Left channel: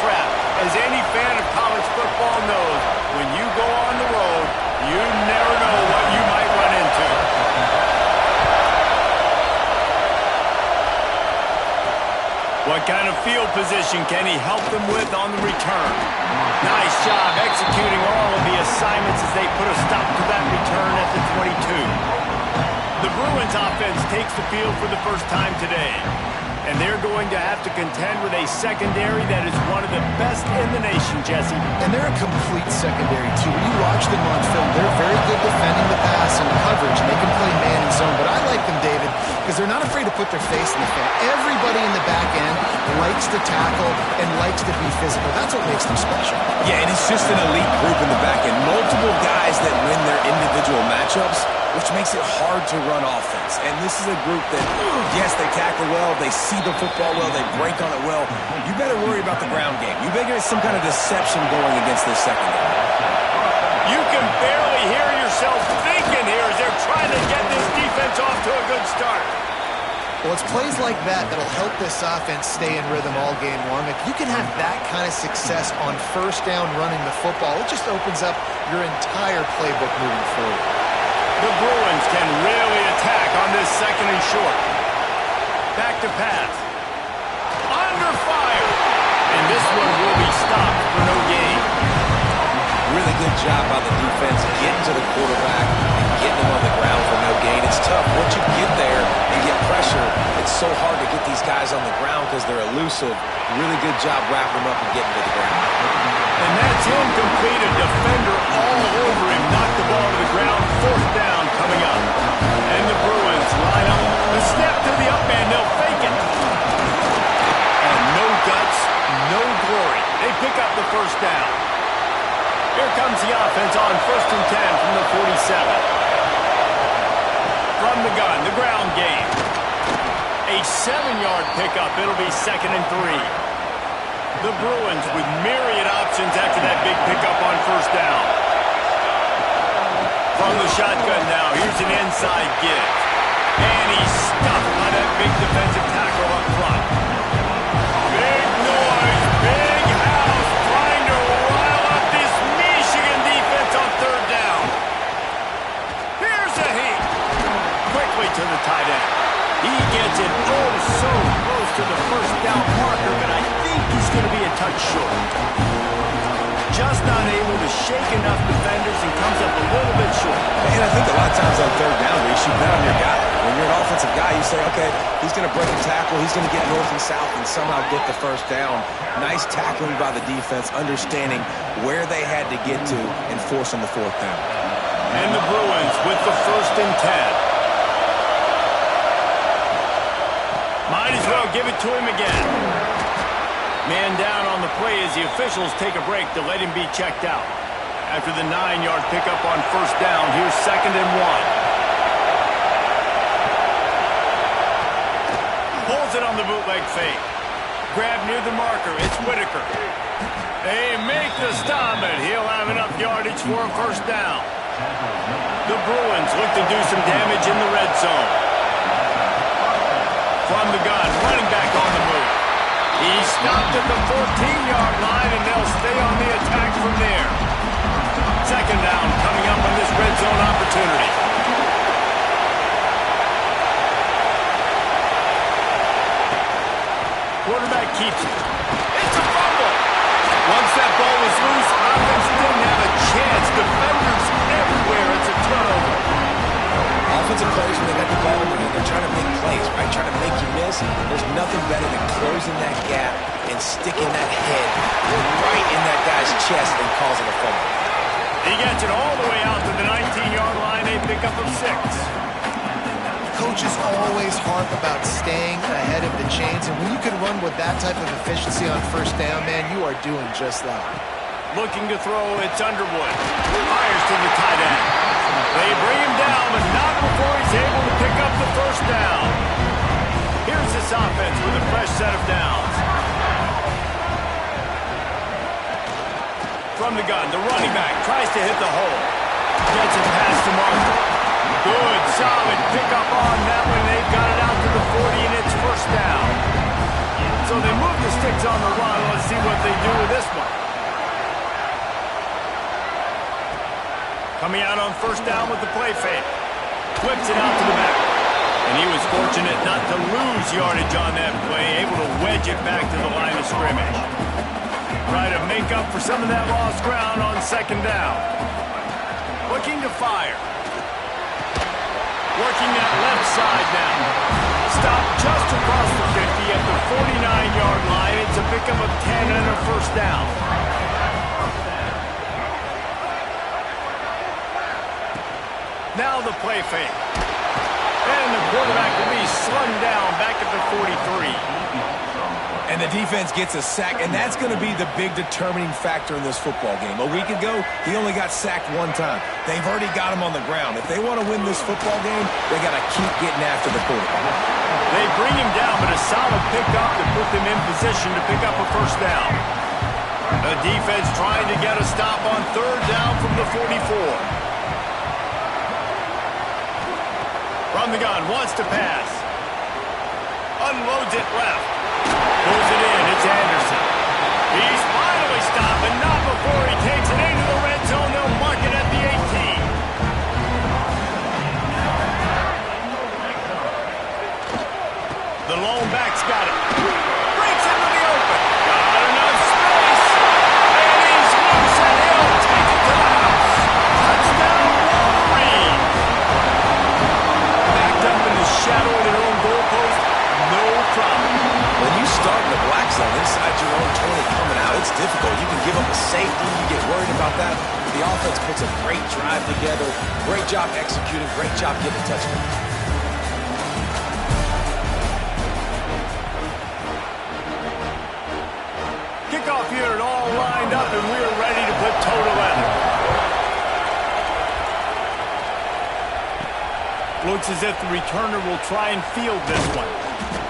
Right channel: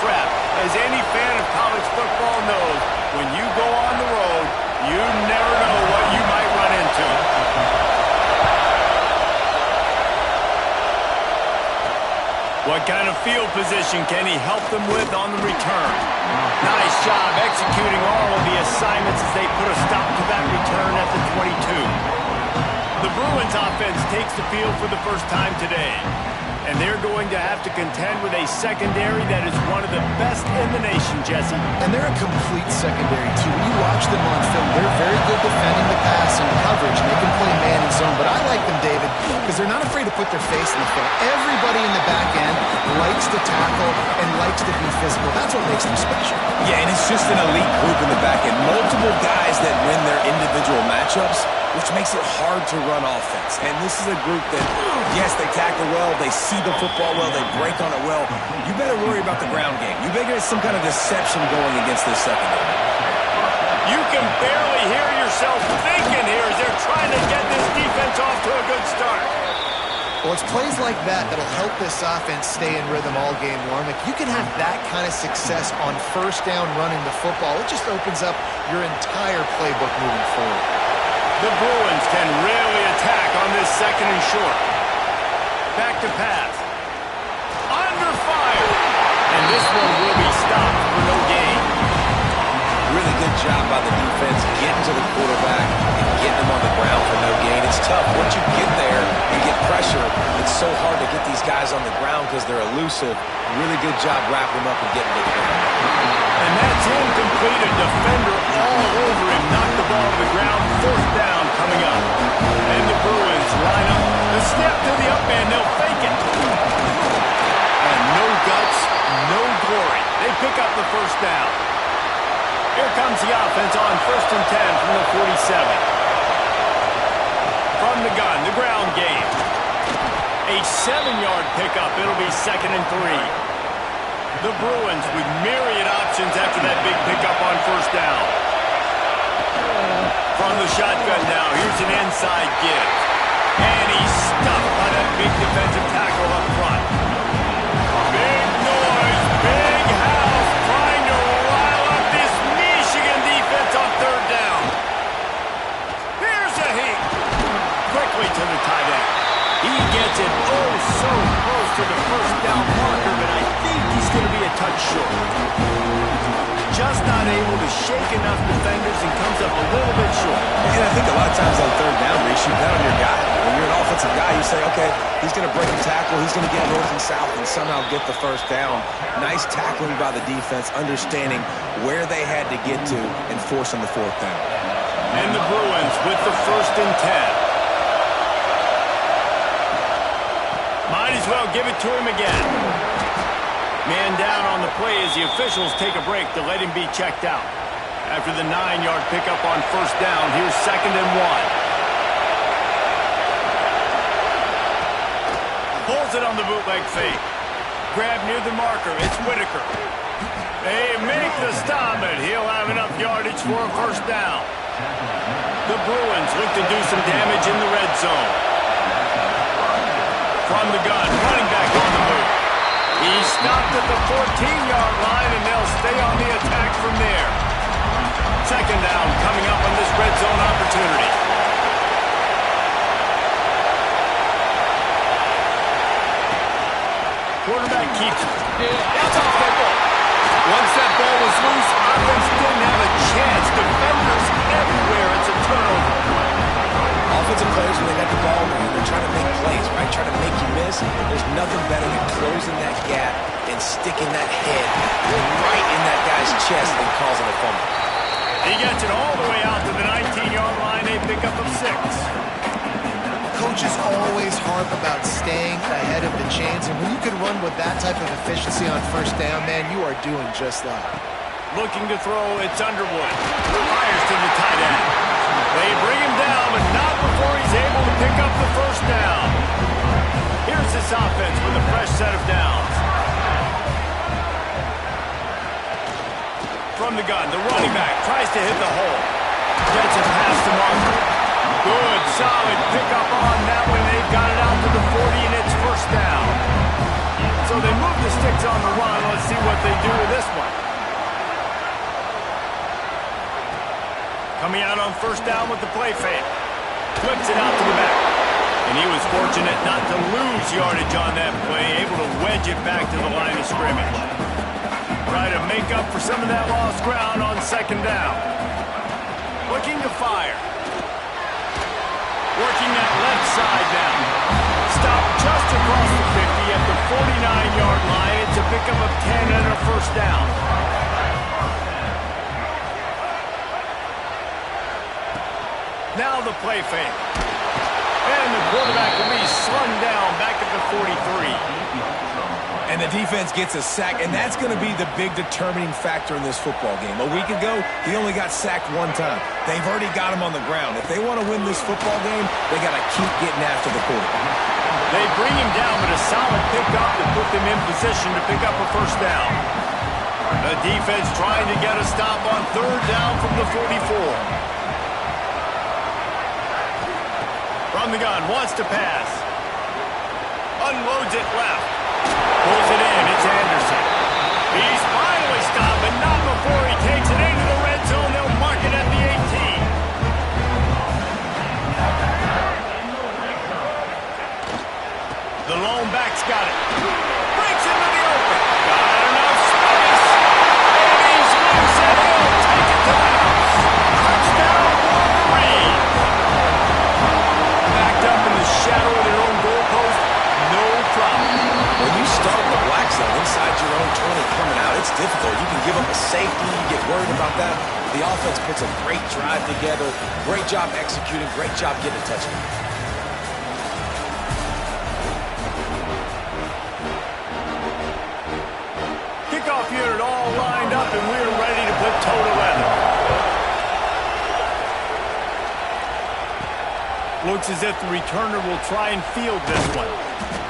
trap. As any fan of college football knows, when you go on the road, you never know what you might run into. What kind of field position can he help them with on the return? Nice job executing all of the assignments as they put a stop to that return at the 22. The Bruins offense takes the field for the first time today. And they're going to have to contend with a secondary that is one of the best in the nation, Jesse. And they're a complete secondary, too. When you watch them on film, they're very good defending the pass and coverage. And they can play man and zone. But I like them, David, because they're not afraid to put their face in the fan. Everybody in the back end likes to tackle and likes to be physical. That's what makes them special. Yeah, and it's just an elite group in the back end. Multiple guys that win their individual matchups, which makes it hard to run offense. And this is a group that, yes, they tackle well, they see the football well, they break on it well. You better worry about the ground game. You better get some kind of deception going against this secondary. You can barely hear yourself thinking here as they're trying to get this defense off to a good start. Well, it's plays like that that'll help this offense stay in rhythm all game long. If you can have that kind of success on first down running the football, it just opens up your entire playbook moving forward. The Bruins can really attack on this second and short. Back to pass. Under fire. And this one will be stopped for no gain. Really good job by the defense getting to the quarterback and getting him on the ground for no gain. It's tough. Once you get there and get pressure, it's so hard to get these guys on the ground because they're elusive. Really good job wrapping them up and getting to the ground. And that's incomplete. A defender all over him. Knocked the ball to the ground. Fourth down coming up. And the Bruins line up. The snap to the up man. They'll fake it. And no guts, no glory. They pick up the first down. Here comes the offense on 1st and 10 from the 47. From the gun, the ground game. A 7-yard pickup. It'll be 2nd and 3. The Bruins with myriad options after that big pickup on first down. From the shotgun now, here's an inside give. And he's stuffed by that big defensive tackle up front. Big noise, big house, trying to rile up this Michigan defense on 3rd down. Here's a heat. Quickly to the tight end. He gets it oh so close to the first down marker, but I think he's going to be a touch short. Just not able to shake enough defenders and comes up a little bit short. And I think a lot of times on 3rd down, Reese, you bet on your guy. When you're an offensive guy, you say, okay, he's going to break a tackle, he's going to get north and south and somehow get the first down. Nice tackling by the defense, understanding where they had to get to and forcing the 4th down. And the Bruins with the 1st and 10. Might as well give it to him again. Man down on the play as the officials take a break to let him be checked out. After the 9-yard pickup on first down, here's 2nd and 1. Pulls it on the bootleg fake. Grab near the marker. It's Whitaker. They make the stop, and he'll have enough yardage for a first down. The Bruins look to do some damage in the red zone. From the gun, running back on the move. He's stopped at the 14-yard line, and they'll stay on the attack from there. 2nd down coming up on this red zone opportunity. Quarterback keeps it. It's a fumble. Once that ball was loose, offense didn't have a chance. Defenders everywhere. It's a turnover. Offensive players, when they got the ball in their hand, they're trying to make plays, right? Trying to make you miss. There's nothing better than closing that gap and sticking that head right in that guy's chest and causing a fumble. He gets it all the way out to the 19-yard line. A pickup of 6. Coaches always harp about staying ahead of the chains, and when you can run with that type of efficiency on first down, man, you are doing just that. Looking to throw, it's Underwood. Fires to the tight end. They bring him down, but not before he's able to pick up the first down. Here's this offense with a fresh set of downs. From the gun, the running back tries to hit the hole. Gets it past the marker. Good, solid pickup on that one. They've got it out to the 40, and it's first down. So they move the sticks on the run. Let's see what they do with this one. Coming out on first down with the play fake. Flips it out to the back. And he was fortunate not to lose yardage on that play, able to wedge it back to the line of scrimmage. Try to make up for some of that lost ground on second down. Looking to fire. Working that left side now. Stopped just across the 50 at the 49-yard line. It's a pickup of 10 and a first down. Now the play fake. And the quarterback will be slung down back at the 43. And the defense gets a sack, and that's going to be the big determining factor in this football game. A week ago, he only got sacked one time. They've already got him on the ground. If they want to win this football game, they got to keep getting after the quarterback. They bring him down, but a solid pickup to put them in position to pick up a first down. The defense trying to get a stop on third down from the 44. From the gun, wants to pass. Unloads it left. Pulls it in, it's Anderson. He's finally stopped, but not before he takes it into the red zone. They'll mark it at the 18. The lone back's got it. Breaks into the open. Got enough space. And he's loose, and he'll take it to the house. Touchdown, Wolverine. Backed up in the shadow of their own goalpost. No problem. When you start in the black zone inside your own 20 coming out, it's difficult. You can give up a safety. You get worried about that. The offense puts a great drive together. Great job executing. Great job getting a touchdown. Kickoff unit all lined up, and we're ready to put toe to leather. Looks as if the returner will try and field this one.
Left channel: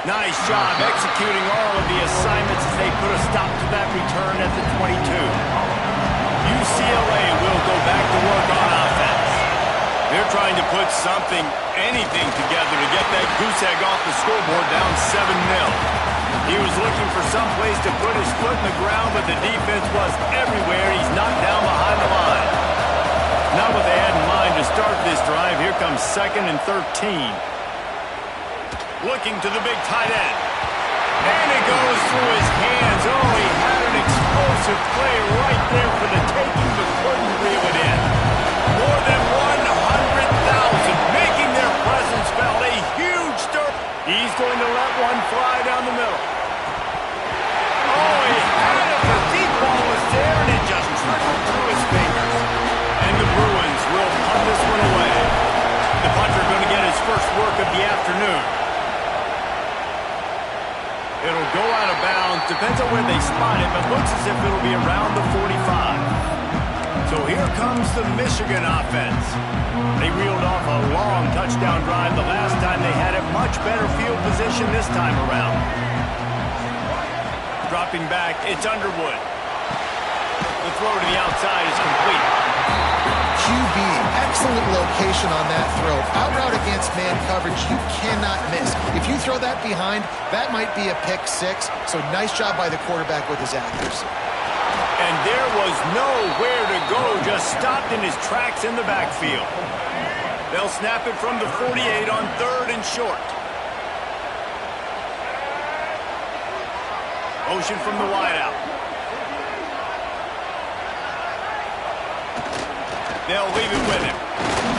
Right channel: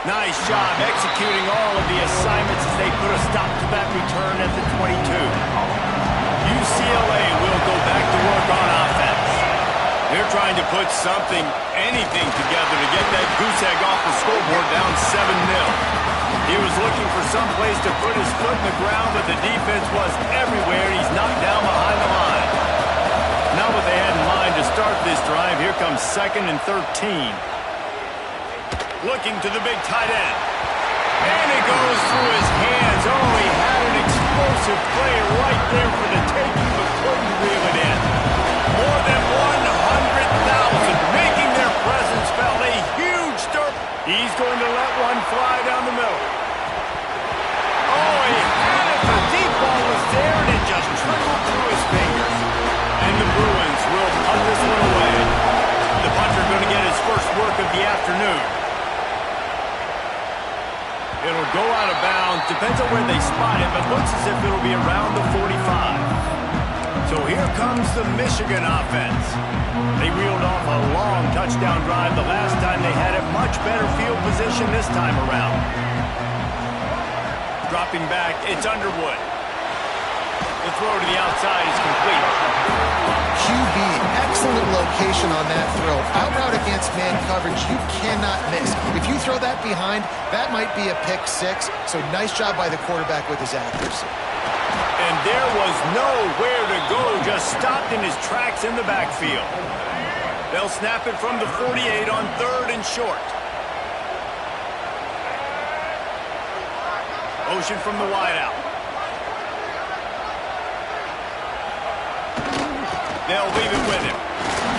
Nice job executing all of the assignments as they put a stop to that return at the 22. UCLA will go back to work on offense. They're trying to put something, anything together to get that goose egg off the scoreboard down 7-0. He was looking for some place to put his foot in the ground, but the defense was everywhere. He's knocked down behind the line. Not what they had in mind to start this drive. Here comes 2nd and 13. Looking to the big tight end. And it goes through his hands. Oh, he had an explosive play right there for the taking, but couldn't reel it in. More than 100,000 making their presence felt. A huge stir. He's going to let one fly down the middle. Oh, he had it. The deep ball was there, and it just trickled through his fingers. And the Bruins will punt this one away. The punter going to get his first work of the afternoon. It'll go out of bounds. Depends on where they spot it, but looks as if it'll be around the 45. So here comes the Michigan offense. They reeled off a long touchdown drive the last time they had a much better field position this time around. Dropping back, it's Underwood. The throw to the outside is complete. QB, excellent location on that throw. Out route against man coverage, you cannot miss. If you throw that behind, that might be a pick six. So nice job by the quarterback with his accuracy. And there was nowhere to go, just stopped in his tracks in the backfield. They'll snap it from the 48 on 3rd and short. Motion from the wideout. They'll leave it with him.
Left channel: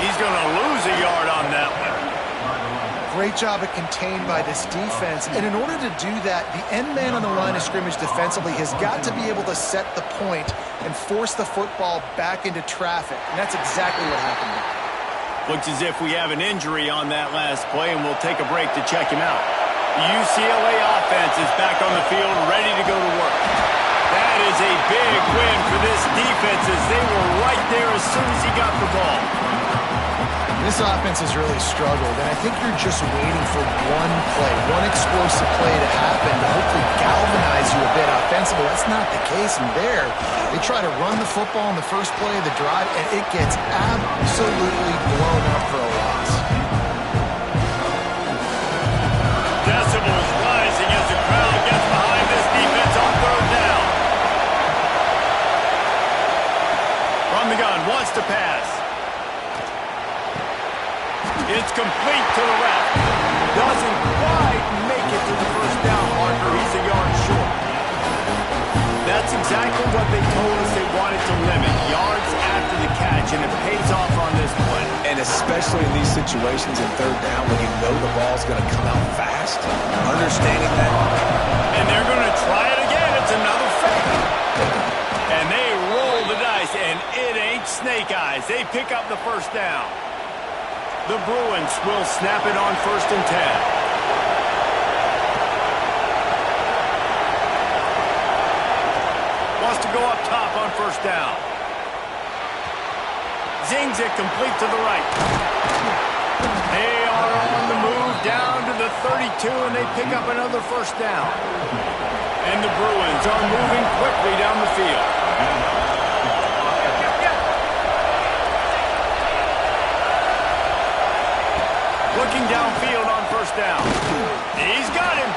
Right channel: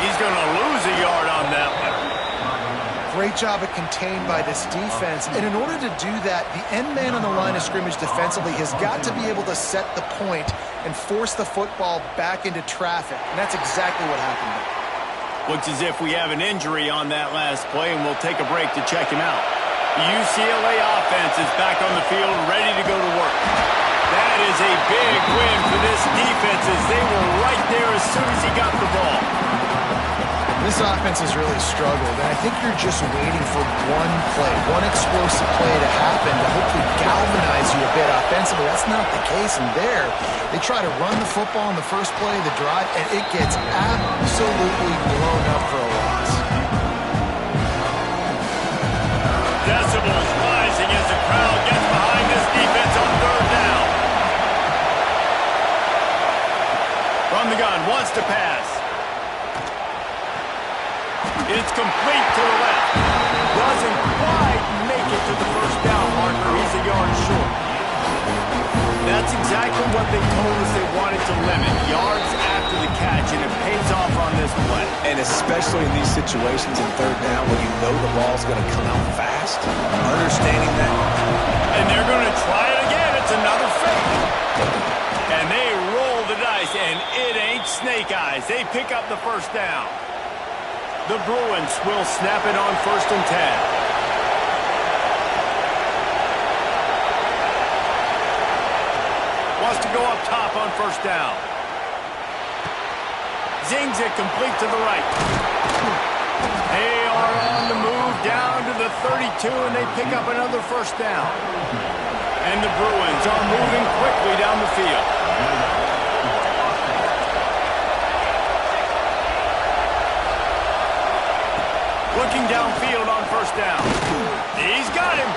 He's going to lose a yard on that one. Great job of contained by this defense. And in order to do that, the end man on the line of scrimmage defensively has got to be able to set the point and force the football back into traffic. And that's exactly what happened there. Looks as if we have an injury on that last play, and we'll take a break to check him out. The UCLA offense is back on the field, ready to go to work. That is a big win for this defense as they were right there as soon as he got the ball. This offense has really struggled, and I think you're just waiting for one play, one explosive play to happen to hopefully galvanize you a bit offensively. That's not the case, and there they try to run the football in the first play of the drive, and it gets absolutely blown up for a loss. Decibels rising as the crowd gets behind this defense on third down. From the gun, wants to pass. It's complete to the left. Doesn't quite make it to the first down marker. He's a yard short. That's exactly what they told us they wanted to limit. Yards after the catch, and it pays off on this play. And especially in these situations in third down when you know the ball's going to come out fast, understanding that. And they're going to try it again. It's another fake. And they roll the dice, and it ain't snake eyes. They pick up the first down. The Bruins will snap it on 1st and 10. Wants to go up top on first down. Zings it complete to the right. They are on the move down to the 32, and they pick up another first down. And the Bruins are moving quickly down the field. Looking downfield on first down. He's got him.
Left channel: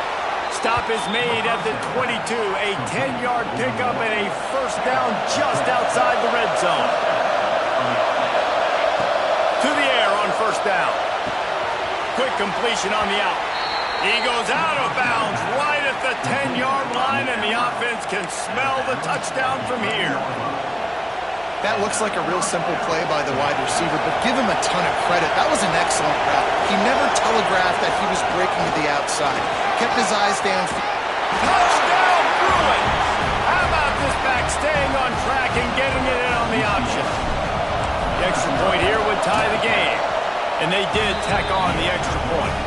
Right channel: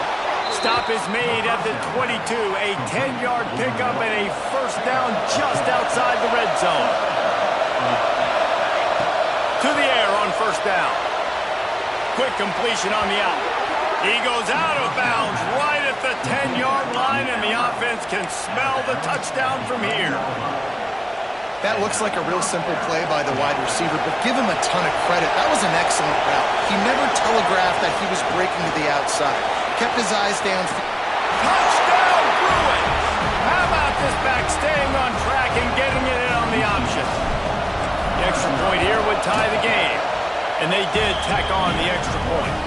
Stop is made at the 22. A 10-yard pickup and a first down just outside the red zone. To the air on first down. Quick completion on the out. He goes out of bounds right at the 10-yard line, and the offense can smell the touchdown from here. That looks like a real simple play by the wide receiver, but give him a ton of credit. That was an excellent route. He never telegraphed that he was breaking to the outside. Kept his eyes down. Touchdown, Bruins! How about this back staying on track and getting it in on the option? The extra point here would tie the game. And they did tack on the extra point.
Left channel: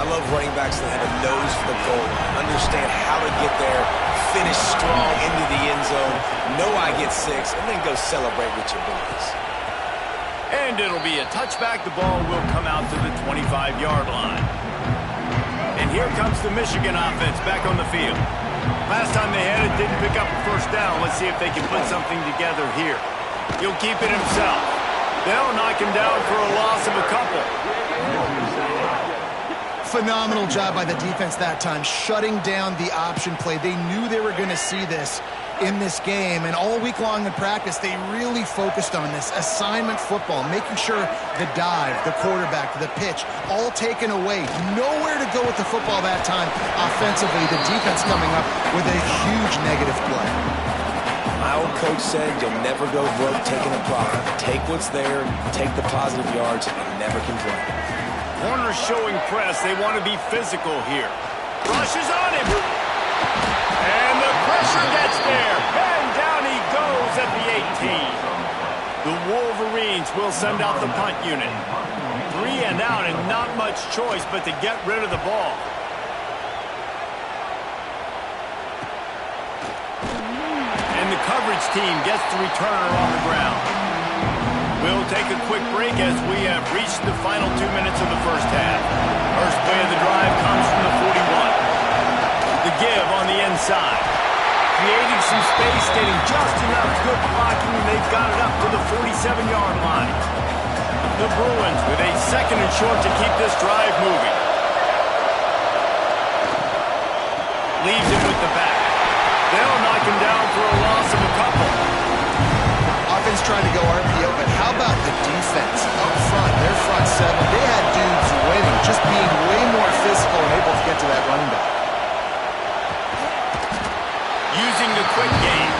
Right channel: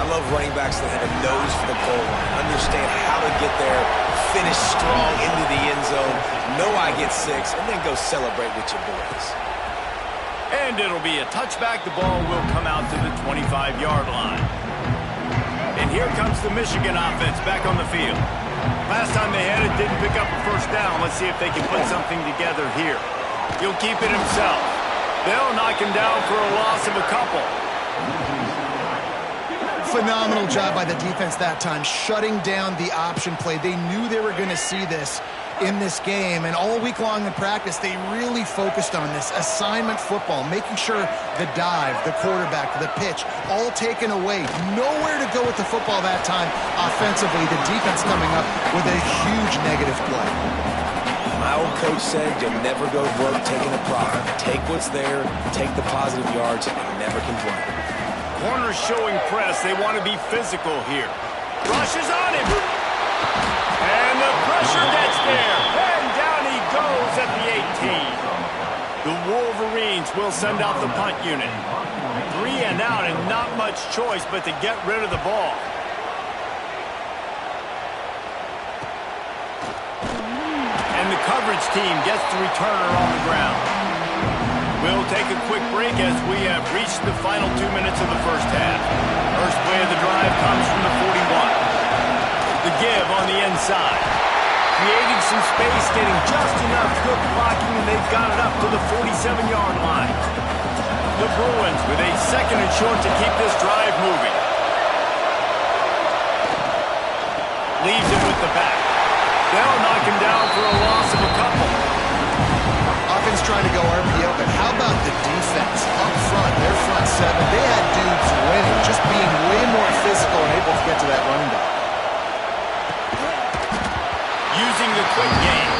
I love running backs that have a nose for the goal line. Understand how to get there, finish strong into the end zone, know I get 6, and then go celebrate with your boys. And it'll be a touchback. The ball will come out to the 25-yard line. And here comes the Michigan offense back on the field. Last time they had it, didn't pick up a first down. Let's see if they can put something together here. He'll keep it himself. They'll knock him down for a loss of a couple. Phenomenal job by the defense that time, shutting down the option play. They knew they were going to see this in this game, and all week long in practice, they really focused on this assignment football, making sure the dive, the quarterback, the pitch, all taken away. Nowhere to go with the football that time offensively. The defense coming up with a huge negative play. My old coach said you'll never go broke taking a profit. Take what's there, take the positive yards, and never complain. Corners showing press. They want to be physical here. Rushes on him. And the pressure gets there. And down he goes at the 18. The Wolverines will send out the punt unit. 3 and out, and not much choice but to get rid of the ball. And the coverage team gets the returner on the ground. We'll take a quick break as we have reached the final 2 minutes of the first half. First play of the drive comes from the 41. The give on the inside. Creating some space, getting just enough good blocking, and they've got it up to the 47-yard line. The Bruins with a 2nd and short to keep this drive moving. Leaves it with the back. They'll knock him down for a loss of a couple. Offense trying to go RPO, but how about the defense up front, their front 7? They had dudes winning, just being way more physical and able to get to that running back. Using the quick game.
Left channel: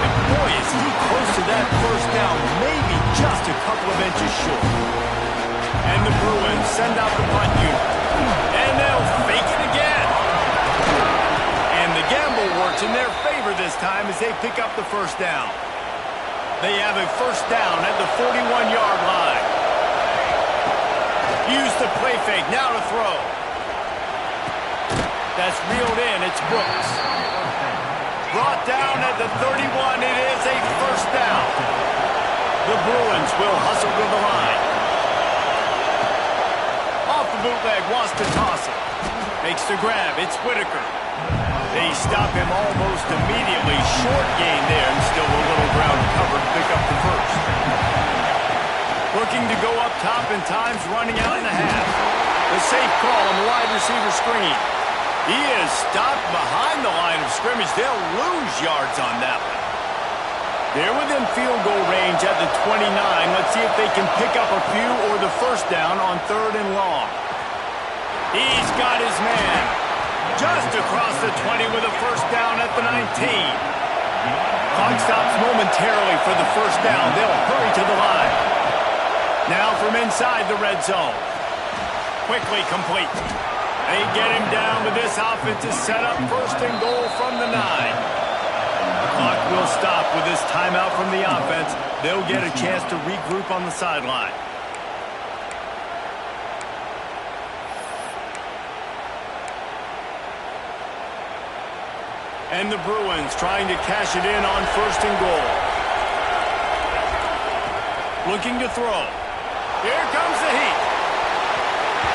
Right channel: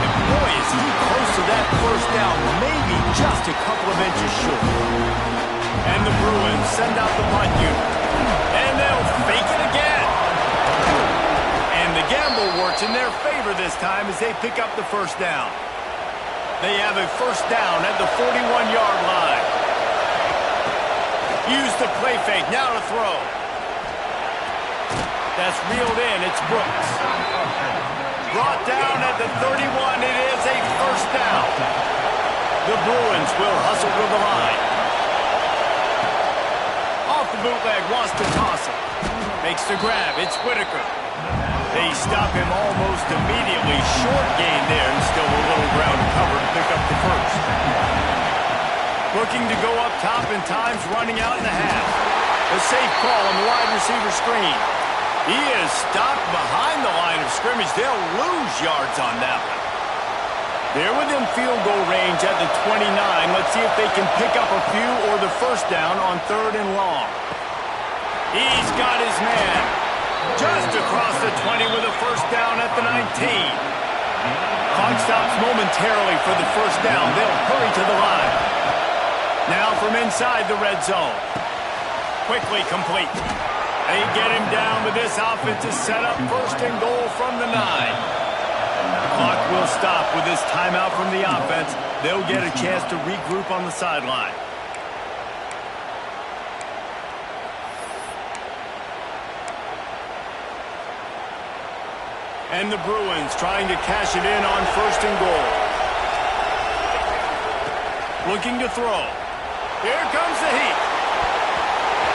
And boy, is he close to that first down, maybe just a couple of inches short. And the Bruins send out the punt unit. And they'll fake it again. And the gamble works in their favor this time as they pick up the first down. They have a first down at the 41-yard line. Use the play fake, now to throw. That's reeled in, it's Brooks. Brought down at the 31, it is a first down. The Bruins will hustle to the line. Off the bootleg, wants to toss it. Makes the grab, it's Whitaker. They stop him almost immediately. Short gain there, and still a little ground to cover to pick up the first. Looking to go up top, and time's running out in the half. The safe call on the wide receiver screen. He is stopped behind the line of scrimmage. They'll lose yards on that one. They're within field goal range at the 29. Let's see if they can pick up a few or the first down on 3rd and long. He's got his man just across the 20 with a first down at the 19. Clock stops momentarily for the first down. They'll hurry to the line. Now from inside the red zone. Quickly complete. They get him down, but this offense is set up 1st and goal from the 9. The clock will stop with this timeout from the offense. They'll get a chance to regroup on the sideline. And the Bruins trying to cash it in on 1st and goal. Looking to throw. Here comes the heat.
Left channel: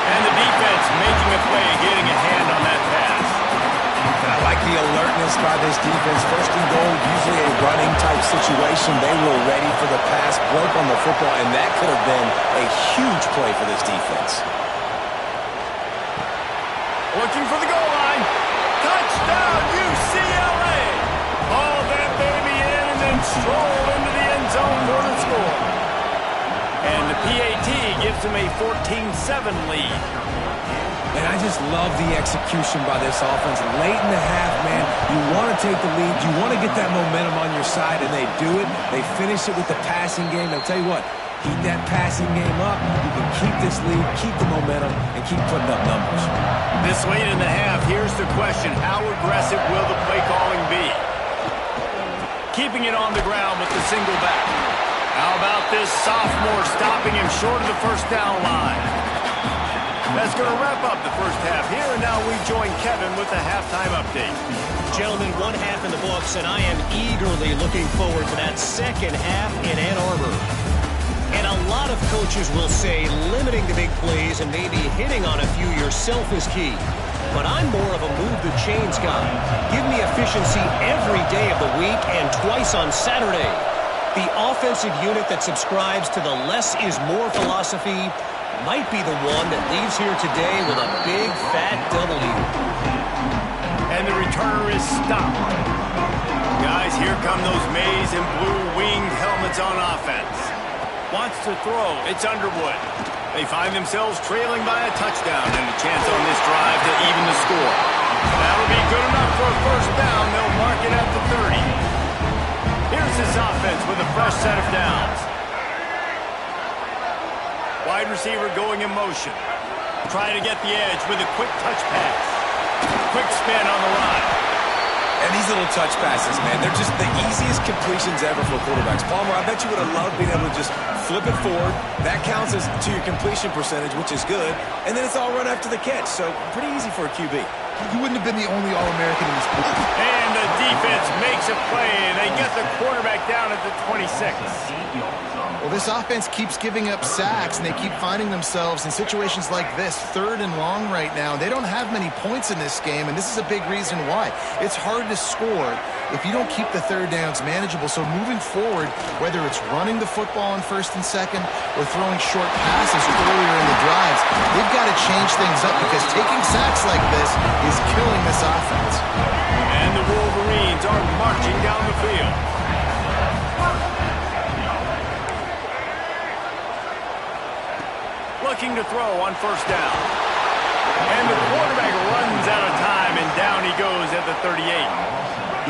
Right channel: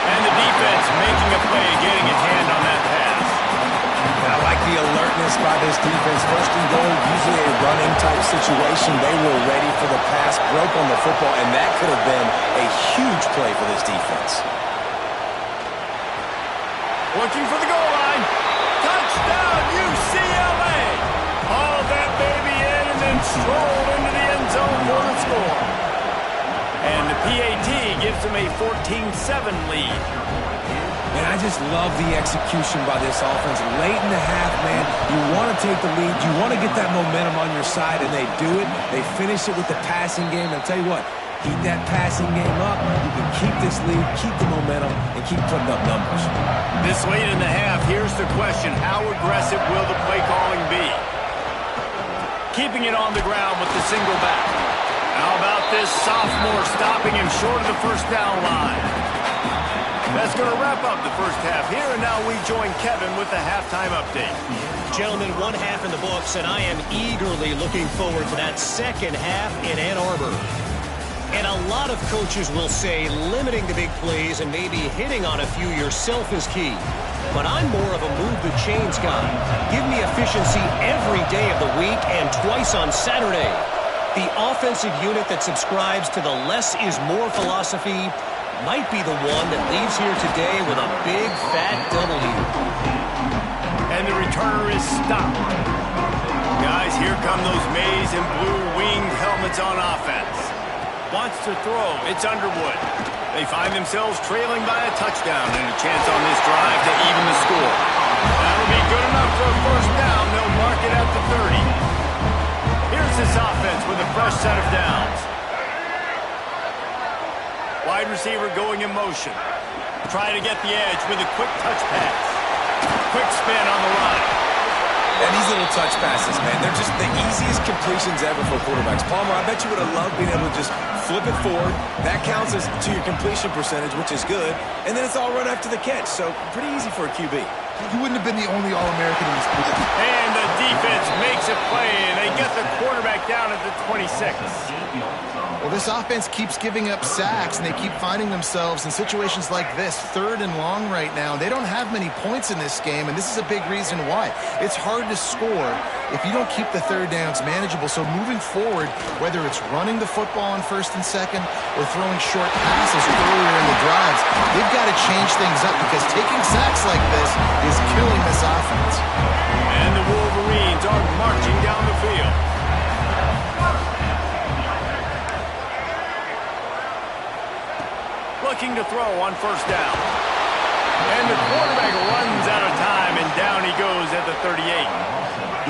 And the defense making a play, getting a hand on that pass. And I like the alertness by this defense. 1st and goal, usually a running type situation. They were ready for the pass, broke on the football, and that could have been a huge play for this defense. Looking for the goal line. Touchdown, UCLA! Haul that baby in and then stroll into the end zone for the score. And the PAT gives them a 14-7 lead. And I just love the execution by this offense. Late in the half, man, you want to take the lead. You want to get that momentum on your side, and they do it. They finish it with the passing game. And I'll tell you what, keep that passing game up. You can keep this lead, keep the momentum, and keep putting up numbers. This late in the half, here's the question. How aggressive will the play calling be? Keeping it on the ground with the single back. How about this sophomore stopping him short of the first down line? That's going to wrap up the first half here, and now we join Kevin with the halftime update. Gentlemen, 1 half in the books, and I am eagerly looking forward to that second half in Ann Arbor. And a lot of coaches will say limiting the big plays and maybe hitting on a few yourself is key. But I'm more of a move the chains guy. Give me efficiency every day of the week and twice on Saturday. The offensive unit that subscribes to the less is more philosophy might be the one that leaves here today with a big fat W. And the returner is stopped. Guys, here come those maize and blue winged helmets on offense. Wants to throw. It's Underwood. They find themselves trailing by a touchdown and a chance on this drive to even the score. That'll be good enough for a first down. They'll mark it at the 30. Here's this offense with a fresh set of downs. Wide receiver going in motion. Trying to get the edge with a quick touch pass. Quick spin on the line. And these little touch passes, man, they're just the easiest completions ever for quarterbacks. Palmer, I bet you would have loved being able to just flip it forward. That counts as to your completion percentage, which is good. And then it's all run after the catch, so pretty easy for a QB. You wouldn't have been the only All-American in this group. And the defense makes a play. They get the quarterback down at the 26. Well, this offense keeps giving up sacks, and they keep finding themselves in situations like this, 3rd and long right now. They don't have many points in this game, and this is a big reason why. It's hard to score if you don't keep the 3rd downs manageable. So moving forward, whether it's running the football on 1st and 2nd or throwing short passes earlier in the drives, they've got to change things up because taking sacks like this is killing this offense. And the Wolverines are marching down the field. Looking to throw on first down. And the quarterback runs out of time, and down he goes at the 38.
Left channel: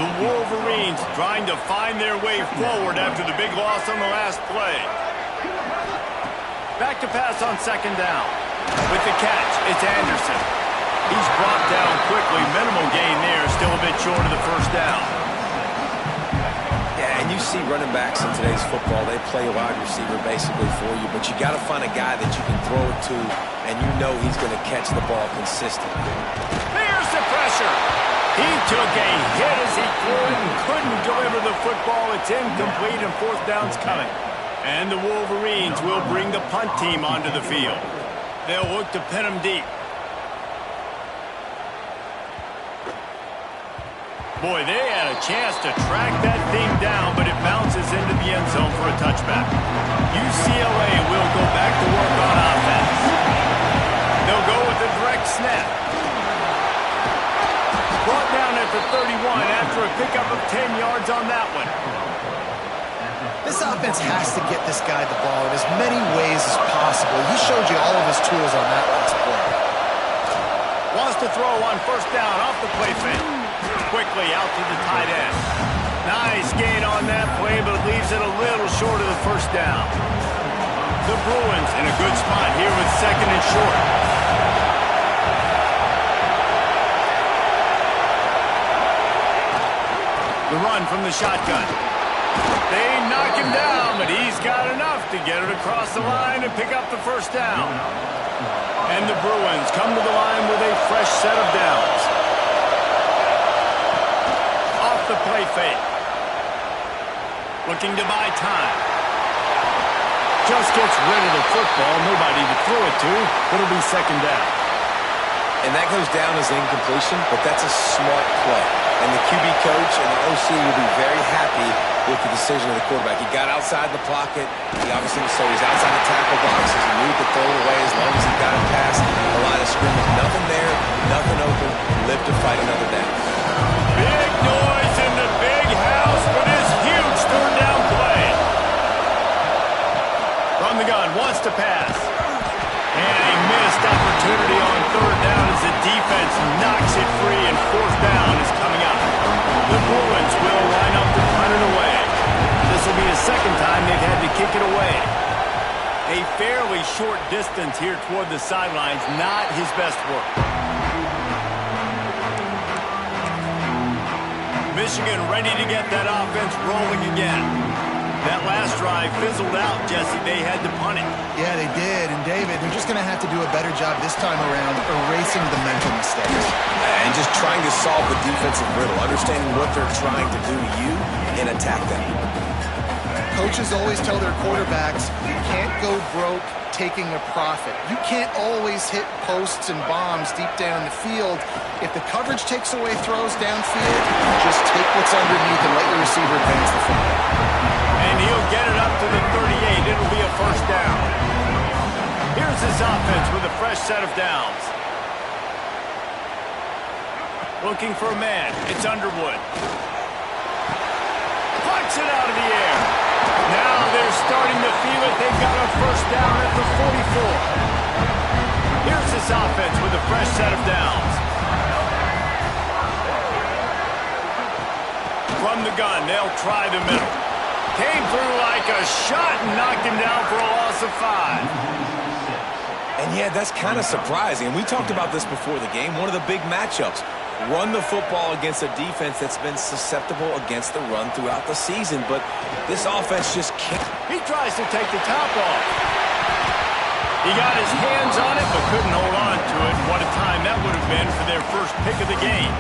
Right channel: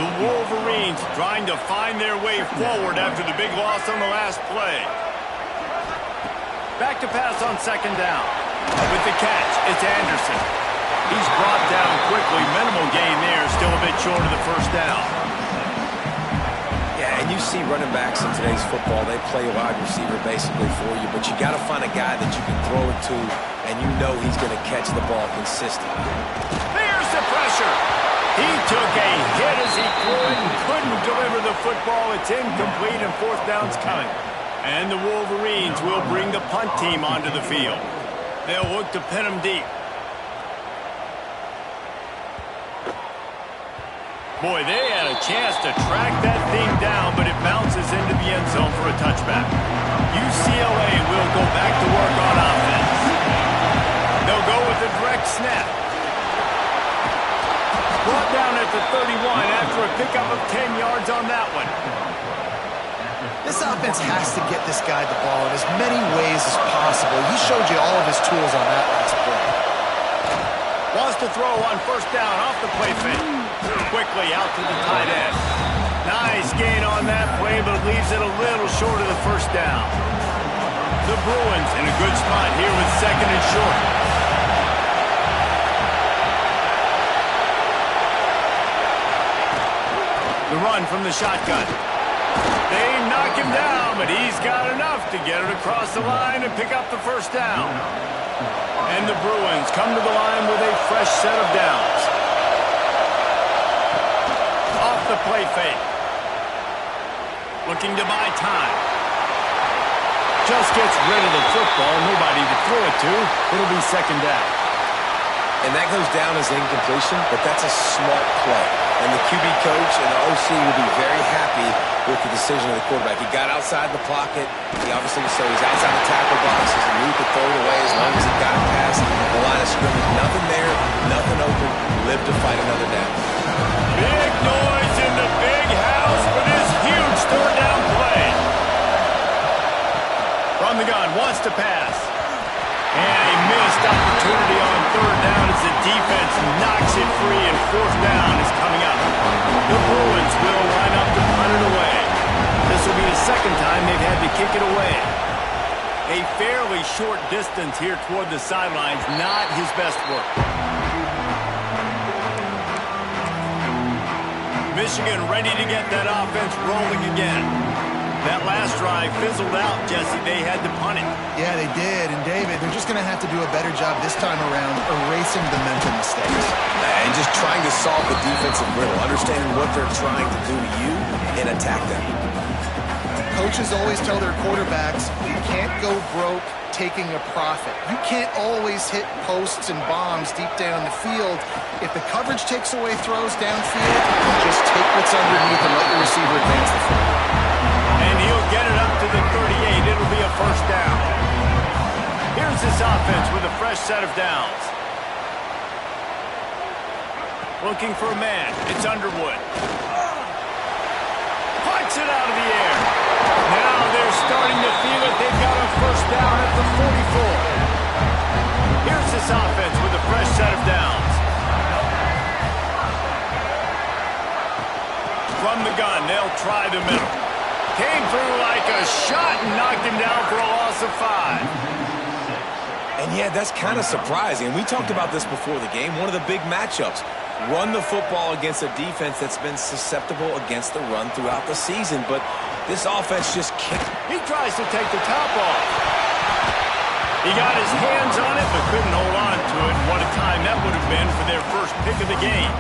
The Wolverines trying to find their way forward after the big loss on the last play. Back to pass on 2nd down. With the catch, it's Anderson. He's brought down quickly. Minimal gain there, still a bit short of the first down. Yeah, and you see running backs in today's football, they play wide receiver basically for you, but you got to find a guy that you can throw it to, and you know he's going to catch the ball consistently. There's the pressure. He took a hit as he threw it and couldn't deliver the football. It's incomplete, and 4th down's coming. And the Wolverines will bring the punt team onto the field. They'll look to pin him deep. Boy, they had a chance to track that thing down, but it bounces into the end zone for a touchback. UCLA will go back to work on offense. They'll go with a direct snap. Brought down at the 31 after a pickup of 10 yards on that one. This offense has to get this guy the ball in as many ways as possible. He showed you all of his tools on that last play. Wants to throw on first down off the play fake. Quickly out to the tight end. Nice gain on that play, but leaves it a little short of the first down. The Bruins in a good spot here with second and short. The run from the shotgun. They knock him down, but he's got enough to get it across the line and pick up the first down. And the Bruins come to the line with a fresh set of downs. Off the play fake. Looking to buy time. Just gets rid of the football. Nobody to throw it to. It'll be second down. And that goes down as incompletion, but that's a smart play. And the QB coach and the OC will be very happy with the decision of the quarterback. He got outside the pocket. He obviously was so he's outside the tackle boxes. He knew he could throw it away as long as he got it past the line of scrimmage. Nothing there, nothing open. Live to fight another down. Big noise in the big house for this huge third down play. From the gun, wants to pass. And a missed opportunity on third down as the defense knocks it free and fourth down is coming up. The Bruins will line up to punt it away. This will be the second time they've had to kick it away. A fairly short distance here toward the sidelines, not his best work. Michigan ready to get that offense rolling again. That last drive fizzled out, Jesse. They had to punt it. Yeah, they did. And, David, they're just going to have to do a better job this time around erasing the mental mistakes. And just trying to solve the defensive riddle, understanding what they're trying to do to you and attack them. Coaches always tell their quarterbacks, you can't go broke taking a profit. You can't always hit posts and bombs deep down the field. If the coverage takes away throws downfield, just take what's underneath and let your receiver advance the football. And he'll get it up to the 38. It'll be a first down. Here's this offense with a fresh set of downs. Looking for a man. It's Underwood. Punts it out of the air. Now they're starting to feel it. They've got a first down at the 44. Here's this offense with a fresh set of downs. From the gun, they'll try the middle. Came through like a shot and knocked him down for a loss of 5. And yeah, that's kind of surprising. We talked about this before the game. One of the big matchups. Run the football against a defense that's been susceptible against the run throughout the season. But this offense just can't. He tries to take the top off. He got his hands on it but couldn't hold on to it. And what a time that would have been for their first pick of the game.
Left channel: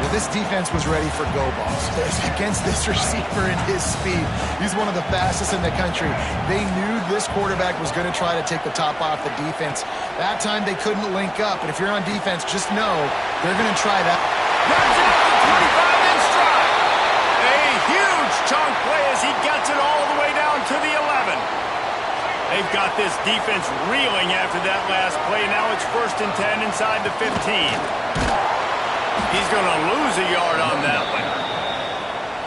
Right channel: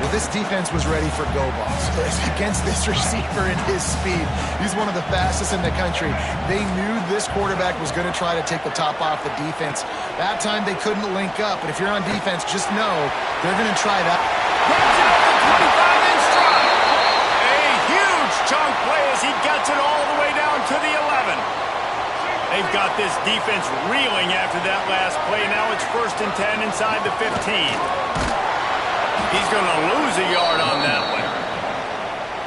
Well, this defense was ready for go balls against this receiver and his speed. He's one of the fastest in the country. They knew this quarterback was going to try to take the top off the defense. That time they couldn't link up, but if you're on defense, just know they're going to try that. Grabs it up to 25 in stride. A huge chunk play as he gets it all the way down to the 11. They've got this defense reeling after that last play. Now it's 1st and 10 inside the 15. He's going to lose a yard on that one.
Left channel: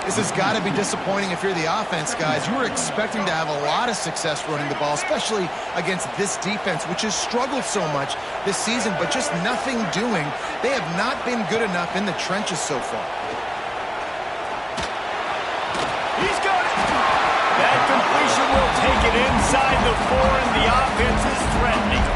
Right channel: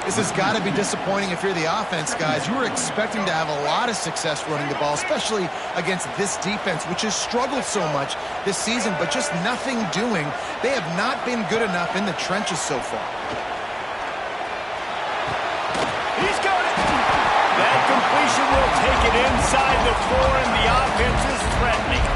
This has got to be disappointing if you're the offense, guys. You were expecting to have a lot of success running the ball, especially against this defense, which has struggled so much this season, but just nothing doing. They have not been good enough in the trenches so far. He's got it. That completion will take it inside the 4, and the offense is threatening.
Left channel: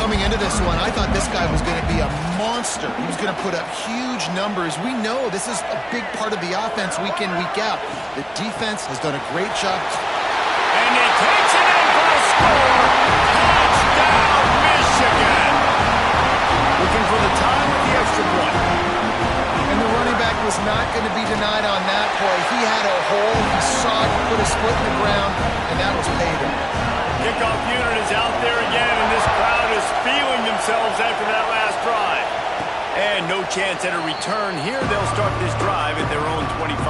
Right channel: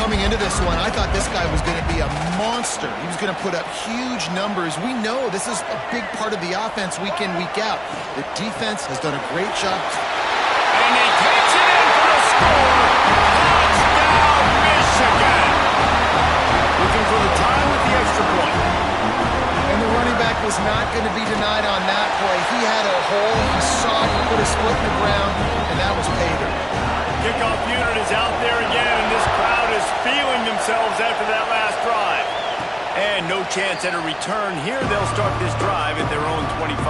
Coming into this one, I thought this guy was going to be a monster. He was going to put up huge numbers. We know this is a big part of the offense week in, week out. The defense has done a great job. And he takes it in for the score. Touchdown, Michigan. Looking for the tie with the extra point. And the running back was not going to be denied on that play. He had a hole. He saw it. He put his foot in the ground, and that was pay dirt. Kickoff unit is out there again, and this crowd is feeling themselves after that last drive. And no chance at a return here. They'll start this drive at their own 25.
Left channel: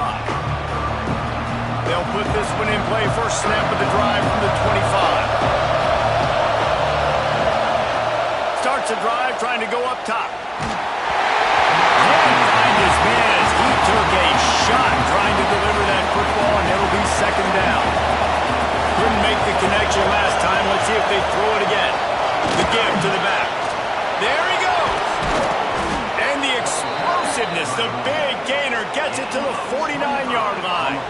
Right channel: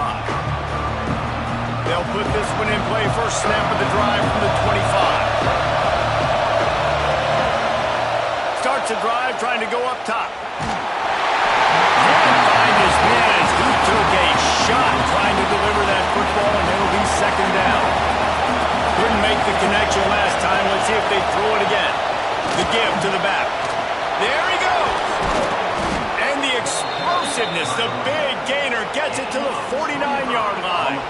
They'll put this one in play. First snap of the drive from the 25. Starts a drive trying to go up top. Can't find his man as he took a shot trying to deliver that football, and it'll be second down. Couldn't make the connection last time. Let's see if they throw it again. The give to the back. There he goes. And the explosiveness, the big gainer gets it to the 49-yard line.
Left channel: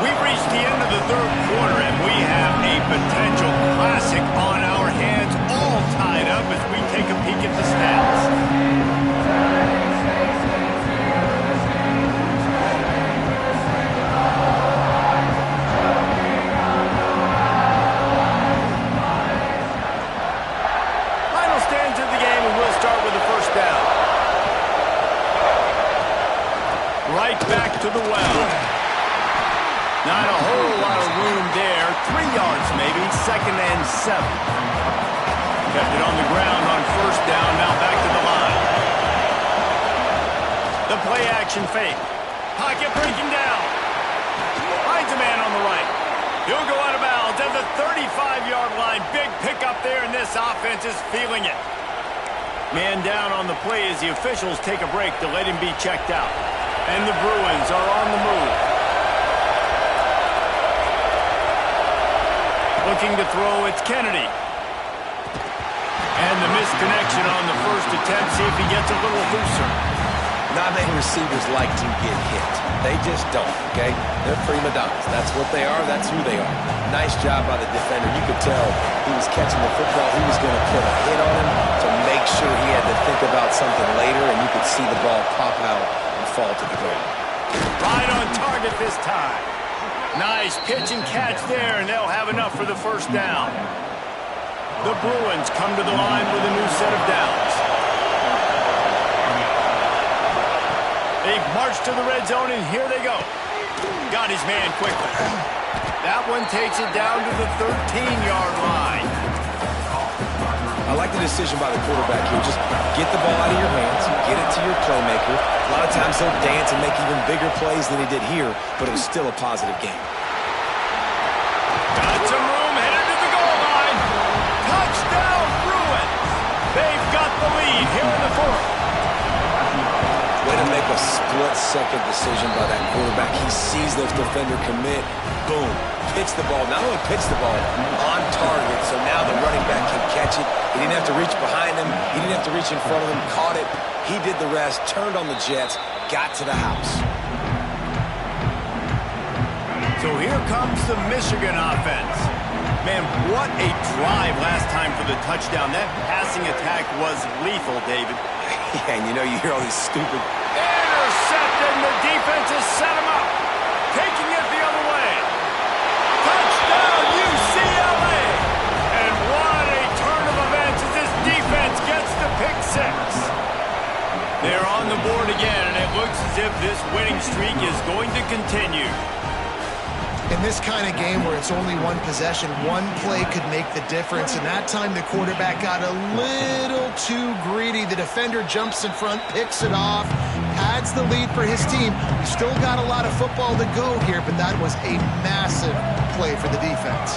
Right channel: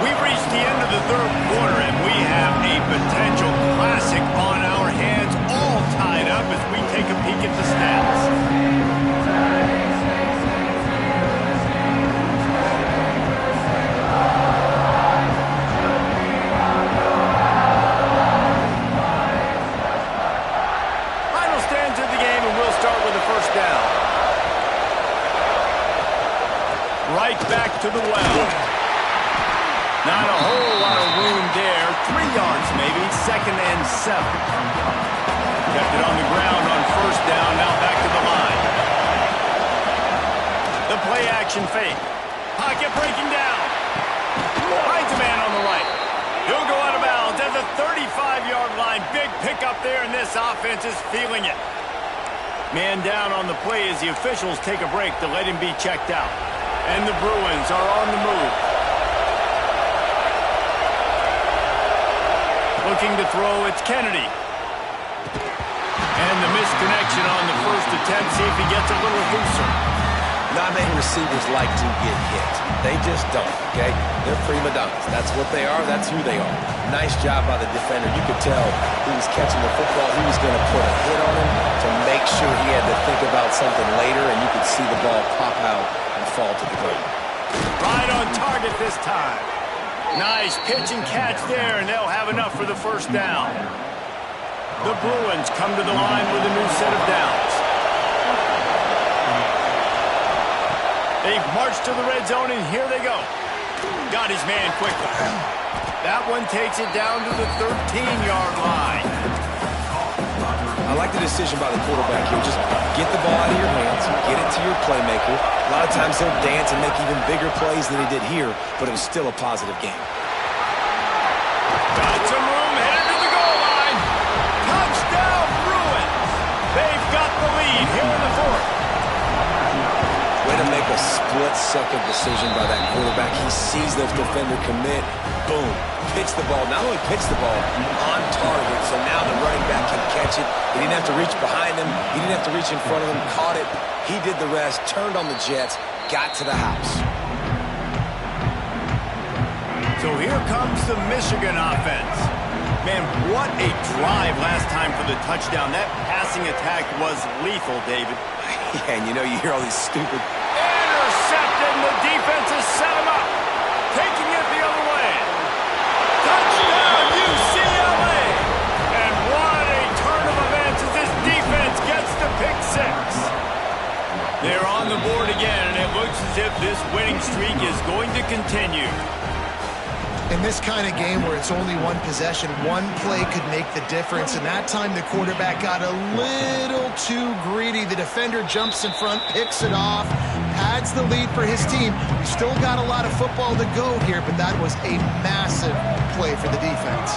We've reached the end of the third quarter, and we have a potential classic on our hands, all tied up as we take a peek at the stats. Stands of the game, and we'll start with the first down. Right back to the well. Not a whole lot of room there. 3 yards maybe, 2nd and 7. Kept it on the ground on first down, now back to the line. The play action fake. Pocket breaking down. Finds a man on the right. He'll go out of bounds at the 35-yard line. Big pickup there, and this offense is feeling it. Man down on the play as the officials take a break to let him be checked out. And the Bruins are on the move. Looking to throw, it's Kennedy. And the misconnection on the first attempt. See if he gets a little looser. Not many receivers like to get hit. They just don't, okay? They're prima donnas. That's what they are. That's who they are. Nice job by the defender. You could tell he was catching the football. He was going to put a hit on him to make sure he had to think about something later, and you could see the ball pop out and fall to the ground. Right on target this time. Nice pitch and catch there, and they'll have enough for the first down. The Bruins come to the line with a new set of downs. They've marched to the red zone, and here they go. Got his man quickly. That one takes it down to the 13-yard line. I like the decision by the quarterback here. Just get the ball out of your hands, get it to your playmaker. A lot of times he'll dance and make even bigger plays than he did here, but it was still a positive game. Got some room, headed to the goal line. Touchdown, Bruins. They've got the lead here in the fourth. Way to make a split-second decision by that quarterback. He sees the defender commit. Boom. Pitch the ball. Not only pitch the ball, on target, so now the running back can catch it. He didn't have to reach behind him. He didn't have to reach in front of him. Caught it. He did the rest. Turned on the Jets. Got to the house. So here comes the Michigan offense. Man, what a drive last time for the touchdown. That passing attack was lethal, David. Yeah, and you know, you hear all these stupid... Intercepted, and the defense has set him up. Taking it the other way. Touchdown, UCLA! And what a turn of events as this defense gets the pick six. They're on the board again, and it looks as if this winning streak is going to continue. In this kind of game where it's only one possession, one play could make the difference. And that time the quarterback got a little too greedy. The defender jumps in front, picks it off, pads the lead for his team. We still got a lot of football to go here, but that was a massive play for the defense.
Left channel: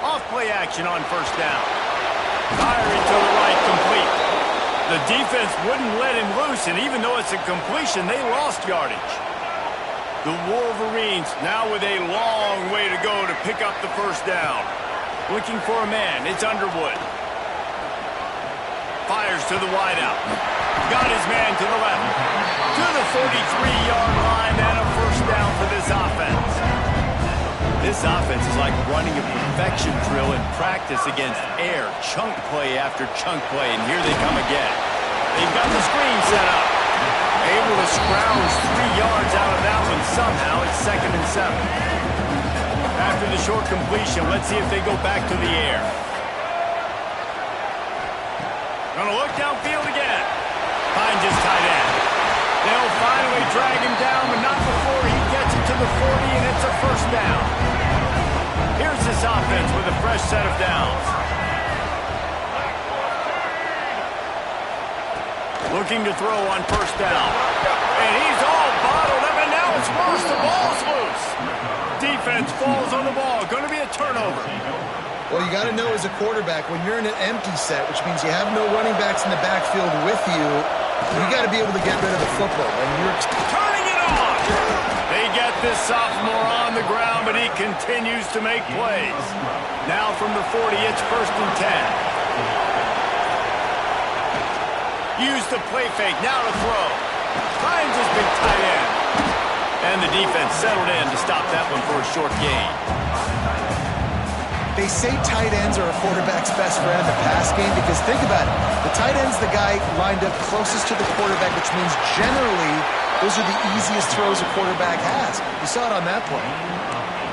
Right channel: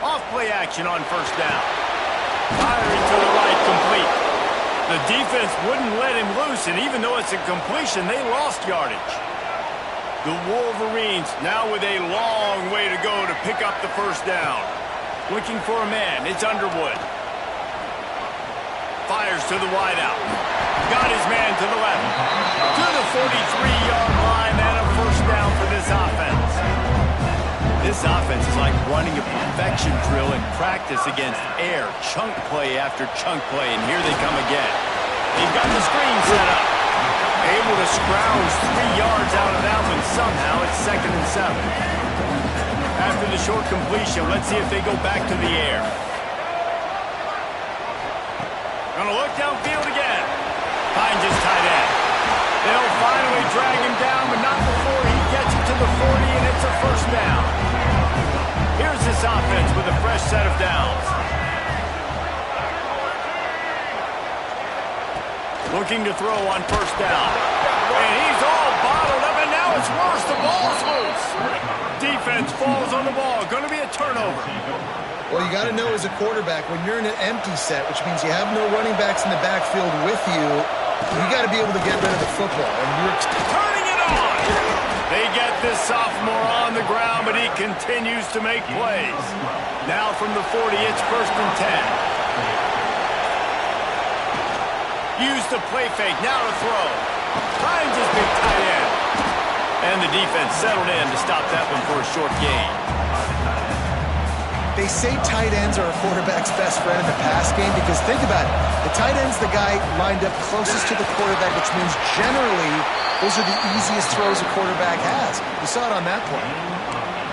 Off play action on first down. Firing to the right, complete. The defense wouldn't let him loose, and even though it's a completion, they lost yardage. The Wolverines now with a long way to go to pick up the first down. Looking for a man, it's Underwood. Fires to the wideout. Got his man to the left. To the 43-yard line, and a first down for this offense. This offense is like running a perfection drill in practice against air. Chunk play after chunk play, and here they come again. They've got the screen set up. Able to scrounge 3 yards out of that one somehow. It's 2nd and 7. After the short completion, let's see if they go back to the air. Gonna look downfield again. Finds his tight end. They'll finally drag him down, but not before he gets it to the 40, and it's a first down. Here's this offense with a fresh set of downs. Looking to throw on first down. And he's all bottled up, and now it's worse. The ball's loose. Defense falls on the ball. Going to be a turnover. Well, you got to know as a quarterback, when you're in an empty set, which means you have no running backs in the backfield with you, you got to be able to get rid of the football. And you're turning it on. They get this sophomore on the ground, but he continues to make plays. Now from the 40, it's 1st and 10. Use the play fake. Now to throw. Finds his big tight end. And the defense settled in to stop that one for a short gain. They say tight ends are a quarterback's best friend in the pass game because think about it. The tight end's the guy lined up closest to the quarterback, which means generally those are the easiest throws a quarterback has. You saw it on that play.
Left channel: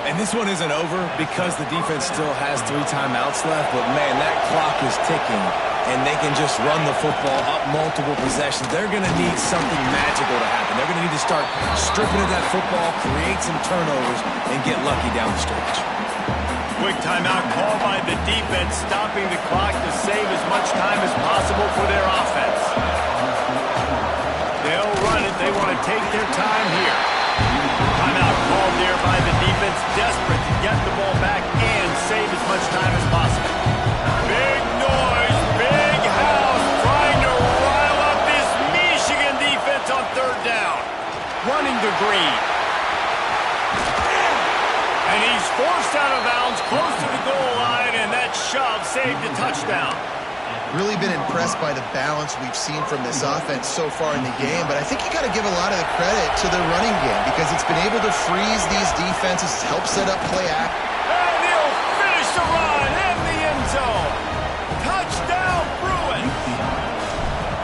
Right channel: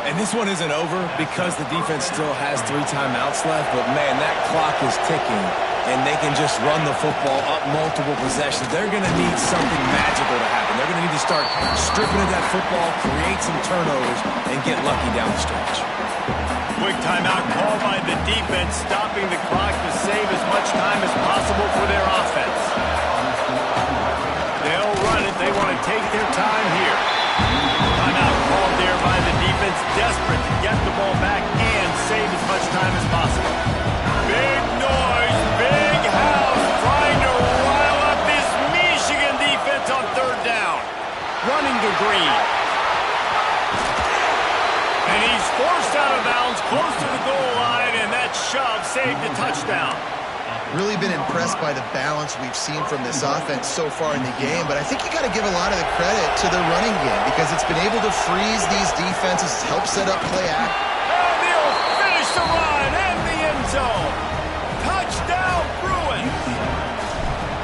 And this one isn't over because the defense still has 3 timeouts left, but man, that clock is ticking, and they can just run the football up multiple possessions. They're going to need something magical to happen. They're going to need to start stripping at that football, create some turnovers, and get lucky down the stretch. Quick timeout called by the defense, stopping the clock to save as much time as possible for their offense. They'll run it. They want to take their time here. Timeout called there by the defense, desperate to get the ball back and save as much time as possible. Big noise, big house, trying to rile up this Michigan defense on 3rd down. Running to Green. And he's forced out of bounds close to the goal line, and that shove saved a touchdown. Really been impressed by the balance we've seen from this offense so far in the game, but I think you got to give a lot of the credit to their running game because it's been able to freeze these defenses, help set up play act. And he'll finish the run in the end zone. Touchdown, Bruins.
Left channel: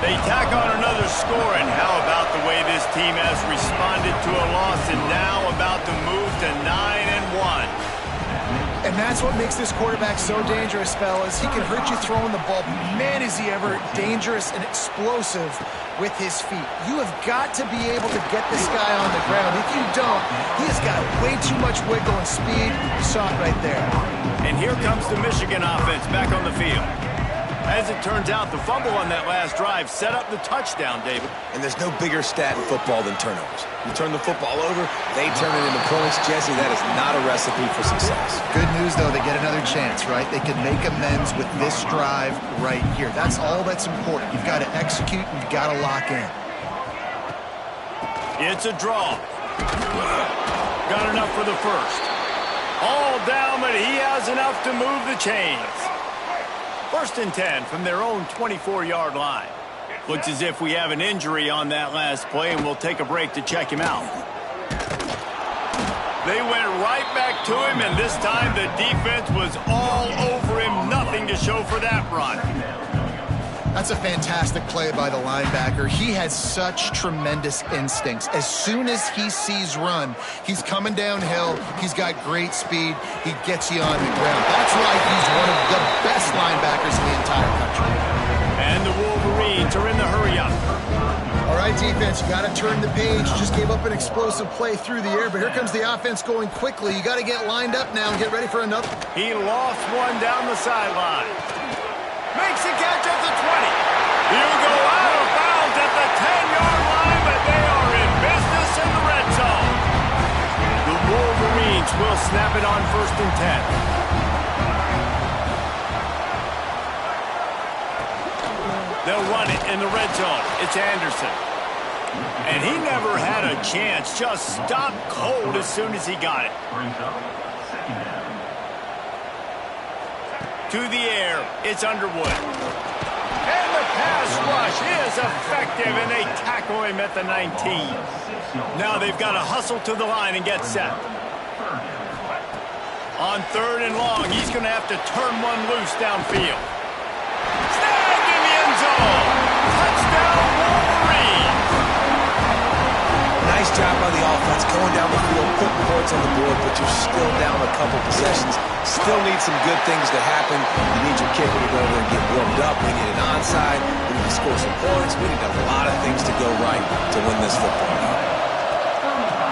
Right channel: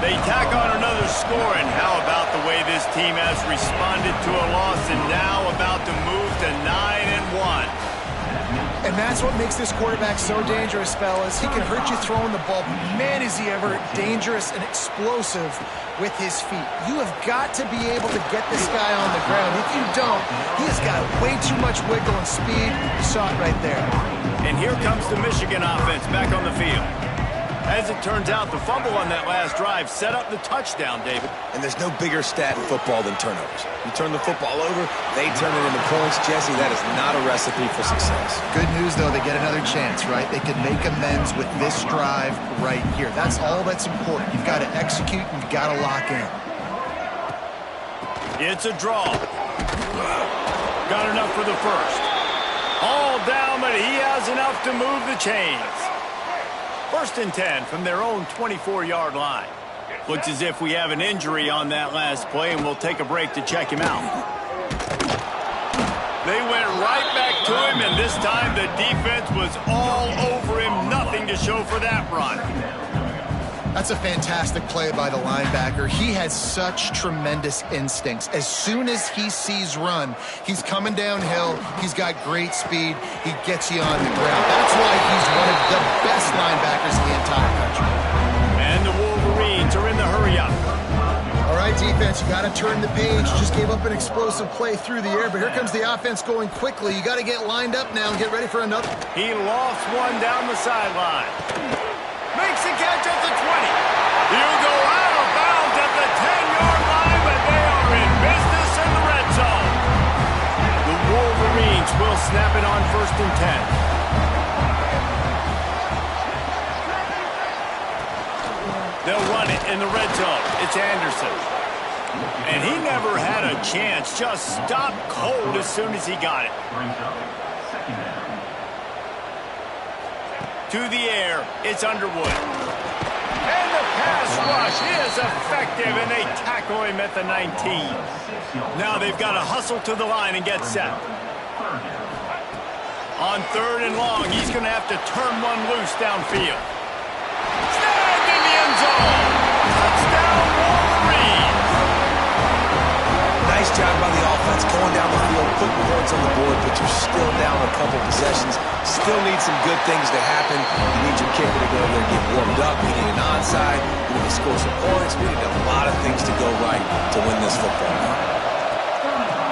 They tack on another score, and how about the way this team has responded to a loss and now about to move to 9-1. And that's what makes this quarterback so dangerous, fellas. He can hurt you throwing the ball, but man, is he ever dangerous and explosive with his feet. You have got to be able to get this guy on the ground. If you don't, he has got way too much wiggle and speed. You saw it right there. And here comes the Michigan offense back on the field. As it turns out, the fumble on that last drive set up the touchdown, David. And there's no bigger stat in football than turnovers. You turn the football over, they turn it into points. Jesse, that is not a recipe for success. Good news, though, they get another chance, right? They can make amends with this drive right here. That's all that's important. You've got to execute and you've got to lock in. It's a draw. Got enough for the first. All down, but he has enough to move the chains. 1st and 10 from their own 24-yard line. Looks as if we have an injury on that last play, and we'll take a break to check him out. They went right back to him, and this time the defense was all over him. Nothing to show for that run. That's a fantastic play by the linebacker. He has such tremendous instincts. As soon as he sees run, he's coming downhill. He's got great speed. He gets you on the ground. That's why he's one of the best linebackers in the entire country. And the Wolverines are in the hurry-up. All right, defense, you got to turn the page. Just gave up an explosive play through the air, but here comes the offense going quickly. You got to get lined up now and get ready for another. He lost one down the sideline. Makes a catch at the 20. He'll go out of bounds at the 10-yard line, but they are in business in the red zone. The Wolverines will snap it on 1st and 10. They'll run it in the red zone. It's Anderson. And he never had a chance. Just stopped cold as soon as he got it. To the air, it's Underwood. And the pass rush is effective, and they tackle him at the 19. Now they've got to hustle to the line and get set. On 3rd and long, he's going to have to turn one loose downfield. Snagged in the end zone. Touchdown, Wolverines. Nice job by the offense going down the field, putting points on the board, but you're still down a couple possessions. Still need some good things to happen. You need your kicker to go over there and get warmed up. We need an onside. We need to score some points. We need a lot of things to go right to win this football game.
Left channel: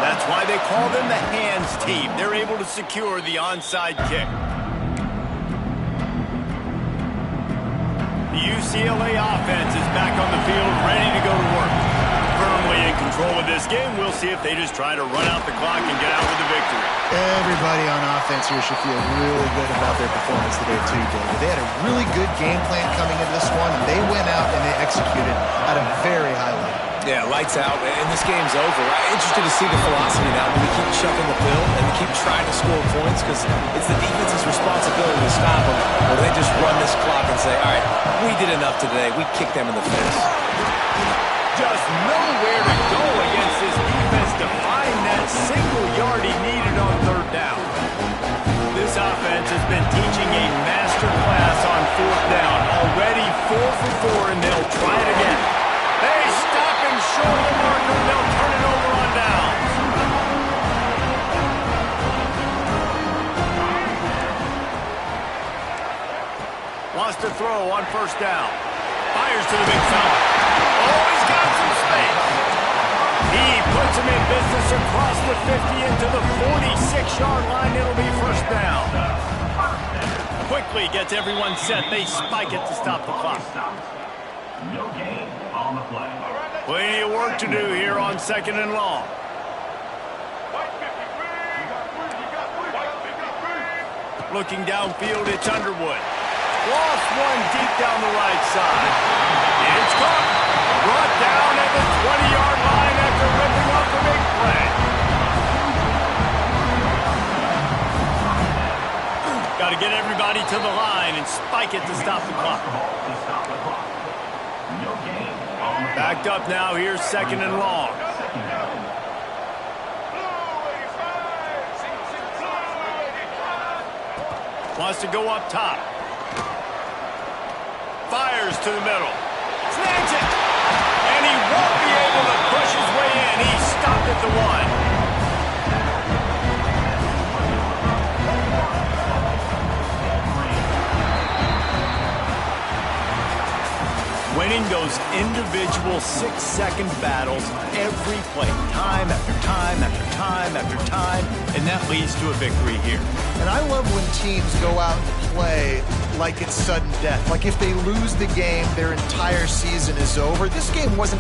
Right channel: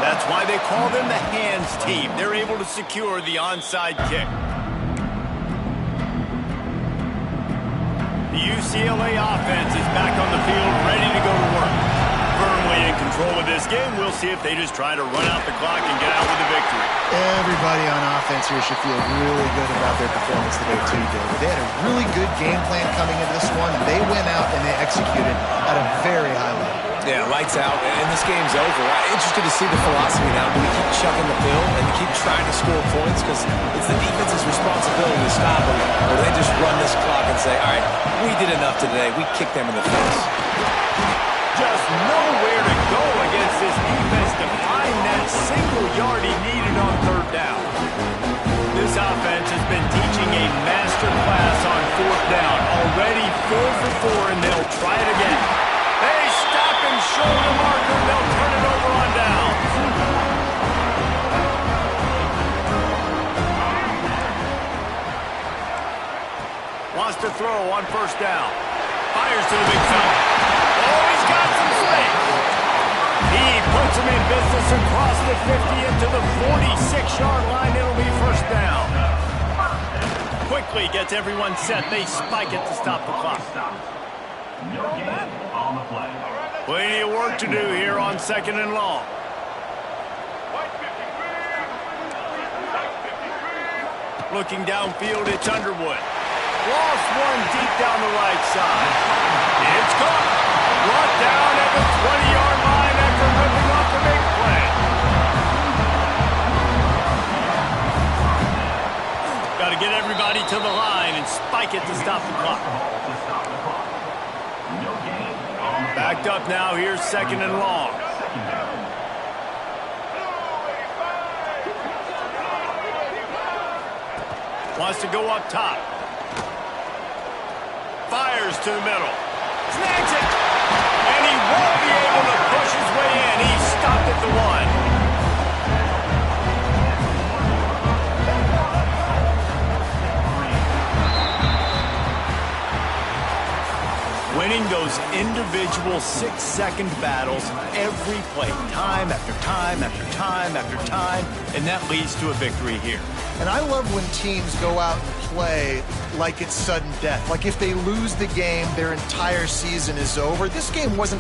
That's why they call them the hands team. They're able to secure the onside kick. The UCLA offense is back on the field, ready to go to work. Firmly in control of this game. We'll see if they just try to run out the clock and get out with the victory. Everybody on offense here should feel really good about their performance today too, David. They had a really good game plan coming into this one, and they went out and they executed at a very high level. Yeah, lights out, and this game's over. I'm interested to see the philosophy now. Do we keep chucking the pill and keep trying to score points? Because it's the defense's responsibility to stop them. Or do they just run this clock and say, all right, we did enough today. We kicked them in the face. Just nowhere to go against this defense to find that single yard he needed on third down. This offense has been teaching a master class on fourth down. Already 4 for 4, and they'll try it again. They stop him short of the marker, and they'll turn it over on downs. Wants to throw on first down. Fires to the big fella. Oh, he's got some space. He puts him in business across the 50 into the 46-yard line. It'll be first down. Quickly gets everyone set. They spike it to stop the clock. No gain on the play. Plenty of work to do here on second and long. Looking downfield, it's Underwood. Lost one deep down the right side. It's caught. Brought down at the 20-yard line after ripping off the big play. Got to get everybody to the line and spike it to stop the clock. Backed up now. Here's second and long. Wants to go up top. Fires to the middle. Snags it. And he won't be able to push his way in. He stopped at the 1. Winning those individual 6-second battles every play, time after time after time after time, and that leads to a victory here. And I love when teams go out and play like it's sudden death. Like if they lose the game, their entire season is over. This game wasn't